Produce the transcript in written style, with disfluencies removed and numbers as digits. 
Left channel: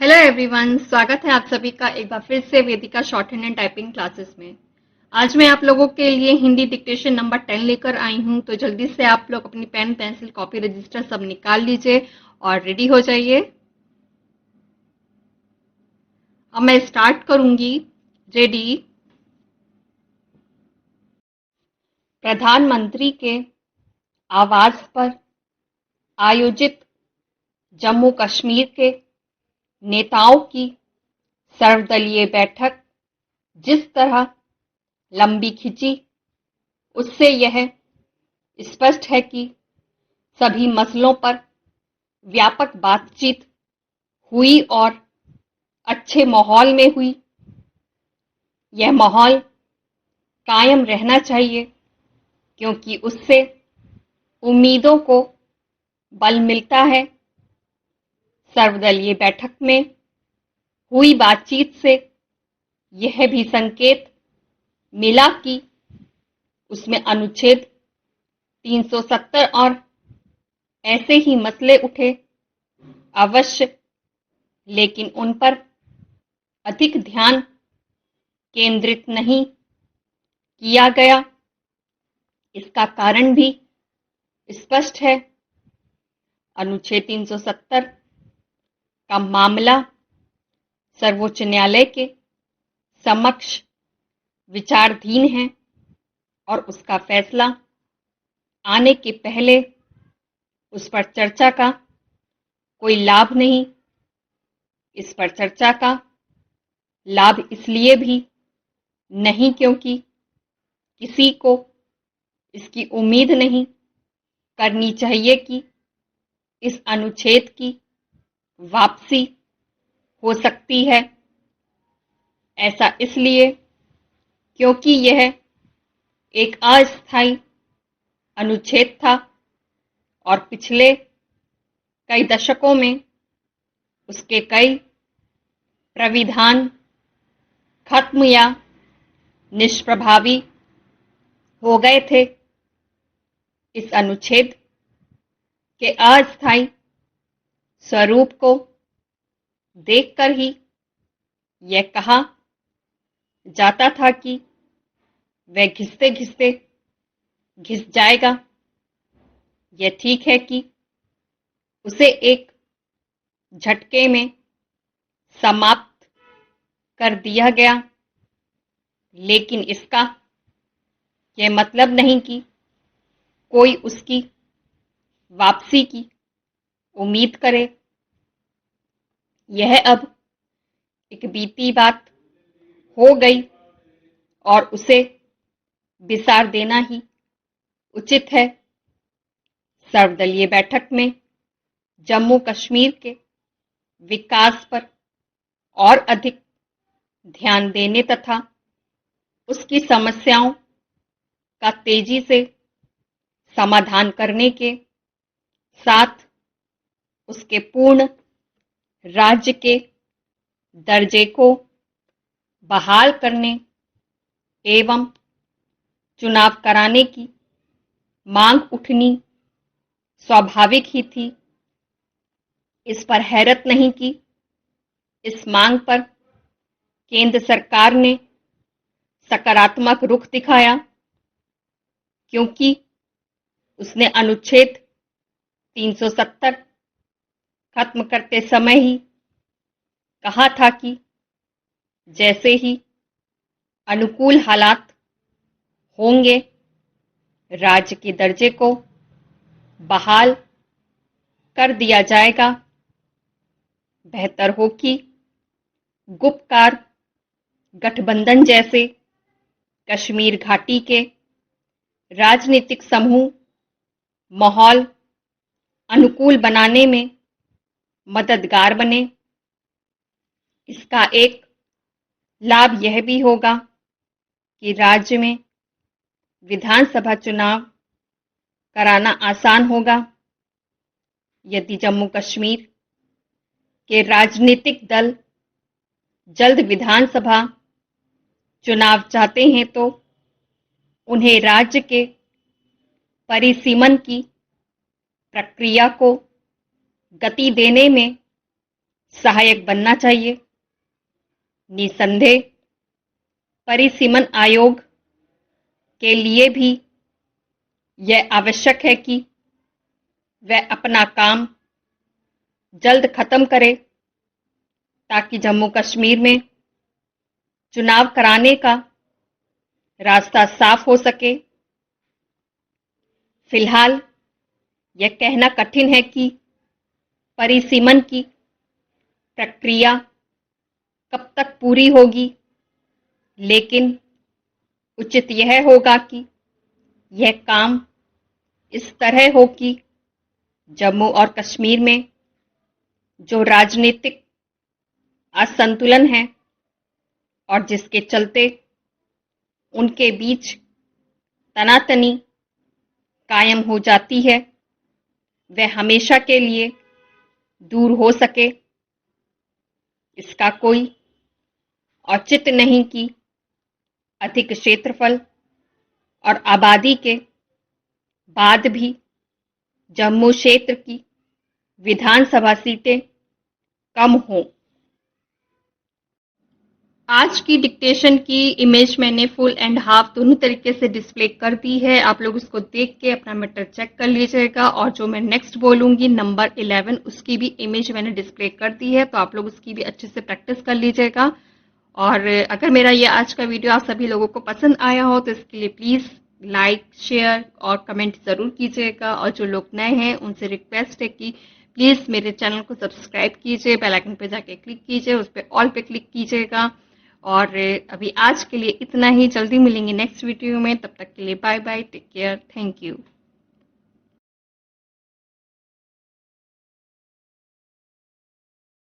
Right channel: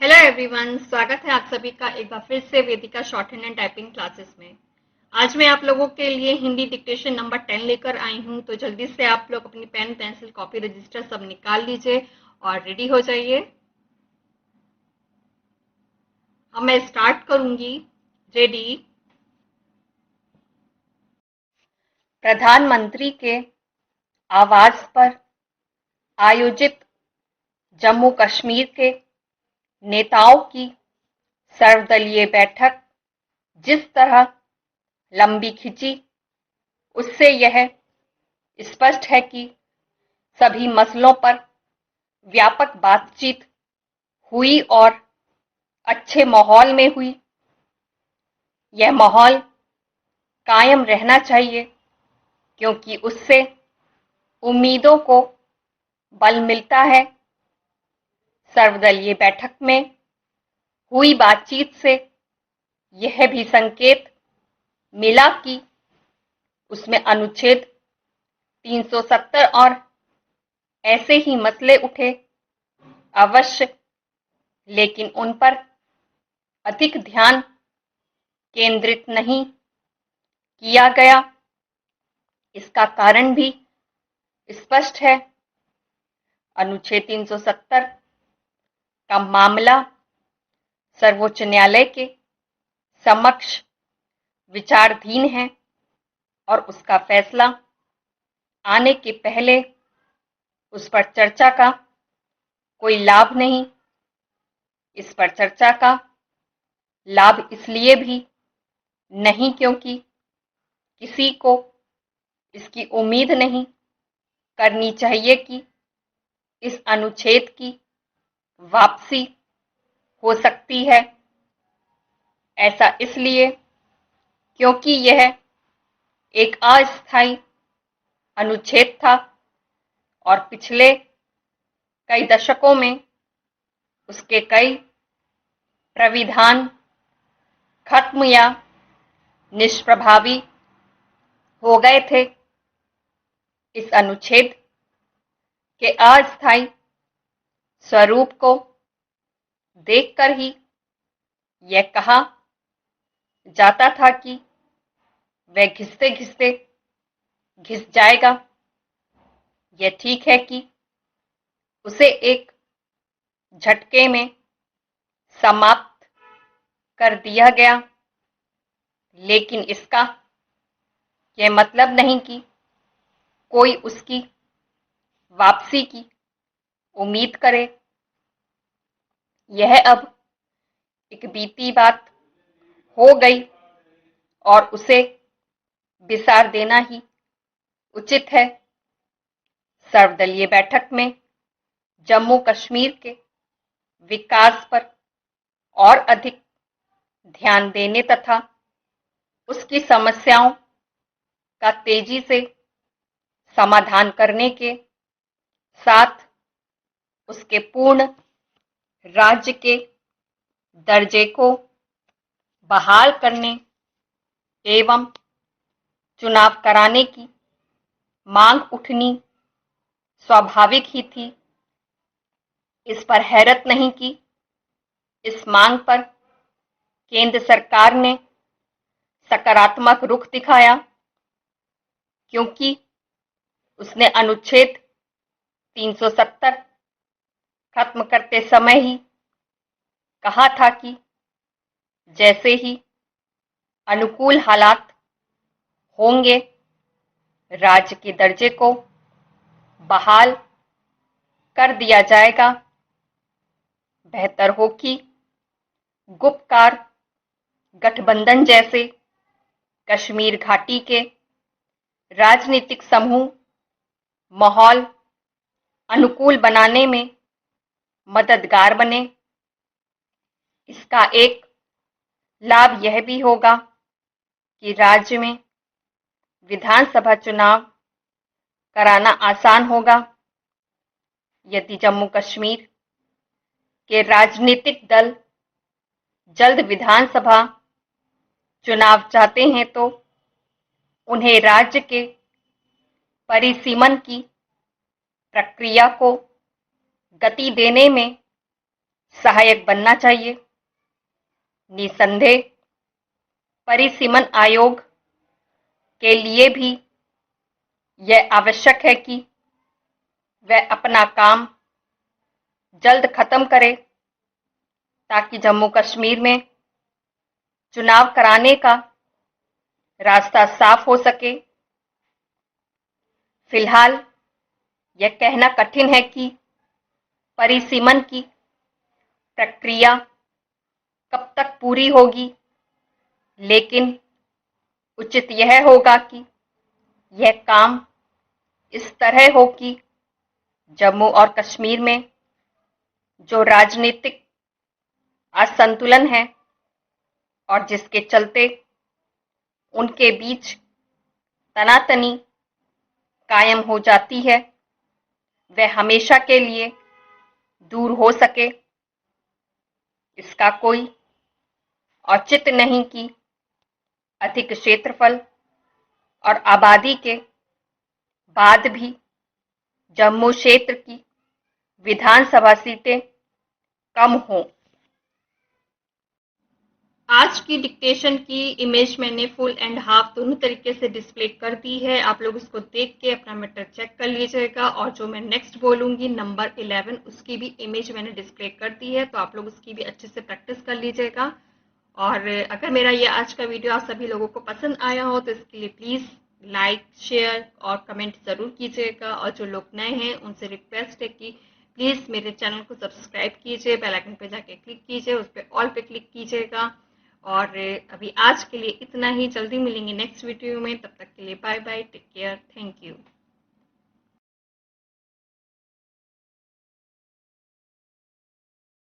Hello everyone, स्वागत है आप सभी का एक बार फिर से Vedika shorthand and typing classes में। आज मैं आप लोगों के लिए हिंदी डिक्टेशन नंबर 10 लेकर आई हूं, तो जल्दी से आप लोग अपनी पेन पेंसिल कॉपी रजिस्टर सब निकाल लीजिए और रेडी हो जाइए। अब मैं स्टार्ट करूंगी। रेडी। प्रधानमंत्री के आवास पर आयोजित जम्मू कश्मीर के नेताओं की सर्वदलीय बैठक जिस तरह लंबी खिंची, उससे यह स्पष्ट है कि सभी मसलों पर व्यापक बातचीत हुई और अच्छे माहौल में हुई। यह माहौल कायम रहना चाहिए क्योंकि उससे उम्मीदों को बल मिलता है। सर्वदलीय बैठक में हुई बातचीत से यह भी संकेत मिला कि उसमें अनुच्छेद 370 और ऐसे ही मसले उठे, अवश्य, लेकिन उन पर अधिक ध्यान केंद्रित नहीं किया गया। इसका कारण भी स्पष्ट है। अनुच्छेद 370 का मामला सर्वोच्च न्यायालय के समक्ष विचाराधीन है और उसका फैसला आने के पहले उस पर चर्चा का कोई लाभ नहीं। इस पर चर्चा का लाभ इसलिए भी नहीं क्योंकि किसी को इसकी उम्मीद नहीं करनी चाहिए कि इस अनुच्छेद की वापसी हो सकती है। ऐसा इसलिए क्योंकि यह एक अस्थायी अनुच्छेद था और पिछले कई दशकों में उसके कई प्राविधान खत्म या निष्प्रभावी हो गए थे। इस अनुच्छेद के अस्थायी स्वरूप को देखकर ही यह कहा जाता था कि वह घिसते घिसते घिस जाएगा। यह ठीक है कि उसे एक झटके में समाप्त कर दिया गया, लेकिन इसका यह मतलब नहीं कि कोई उसकी वापसी की उम्मीद करे। यह अब एक बीती बात हो गई और उसे बिसार देना ही उचित है। सर्वदलीय बैठक में जम्मू कश्मीर के विकास पर और अधिक ध्यान देने तथा उसकी समस्याओं का तेजी से समाधान करने के साथ उसके पूर्ण राज्य के दर्जे को बहाल करने एवं चुनाव कराने की मांग उठनी स्वाभाविक ही थी। इस पर हैरत नहीं कि इस मांग पर केंद्र सरकार ने सकारात्मक रुख दिखाया, क्योंकि उसने अनुच्छेद 370 खत्म करते समय ही कहा था कि जैसे ही अनुकूल हालात होंगे, राज्य के दर्जे को बहाल कर दिया जाएगा। बेहतर हो कि गुप्तकार गठबंधन जैसे कश्मीर घाटी के राजनीतिक समूह माहौल अनुकूल बनाने में मददगार बने। इसका एक लाभ यह भी होगा कि राज्य में विधानसभा चुनाव कराना आसान होगा। यदि जम्मू कश्मीर के राजनीतिक दल जल्द विधानसभा चुनाव चाहते हैं तो उन्हें राज्य के परिसीमन की प्रक्रिया को गति देने में सहायक बनना चाहिए। निसंदेह परिसीमन आयोग के लिए भी यह आवश्यक है कि वह अपना काम जल्द खत्म करे ताकि जम्मू कश्मीर में चुनाव कराने का रास्ता साफ हो सके। फिलहाल यह कहना कठिन है कि परिसीमन की प्रक्रिया कब तक पूरी होगी, लेकिन उचित यह होगा कि यह काम इस तरह हो कि जम्मू और कश्मीर में जो राजनीतिक असंतुलन है और जिसके चलते उनके बीच तनातनी कायम हो जाती है, वह हमेशा के लिए दूर हो सके। इसका कोई औचित्य नहीं कि अधिक क्षेत्रफल और आबादी के बाद भी जम्मू क्षेत्र की विधानसभा सीटें कम हों। आज की डिक्टेशन की इमेज मैंने फुल एंड हाफ दोनों तरीके से डिस्प्ले कर दी है। आप लोग उसको देख के अपना मैटर चेक कर लीजिएगा। और जो मैं नेक्स्ट बोलूंगी नंबर 11, उसकी भी इमेज मैंने डिस्प्ले कर दी है, तो आप लोग उसकी भी अच्छे से प्रैक्टिस कर लीजिएगा। और अगर मेरा ये आज का वीडियो आप सभी लोगों को पसंद आया हो तो इसके लिए प्लीज़ लाइक, शेयर और कमेंट ज़रूर कीजिएगा। और जो लोग नए हैं उनसे रिक्वेस्ट है कि प्लीज़ मेरे चैनल को सब्सक्राइब कीजिए, बेल आइकन पे जाके क्लिक कीजिए, उस पर ऑल पे क्लिक कीजिएगा। और अभी आज के लिए इतना ही। जल्दी मिलेंगे नेक्स्ट वीडियो में, तब तक के लिए bye bye, take care, thank you.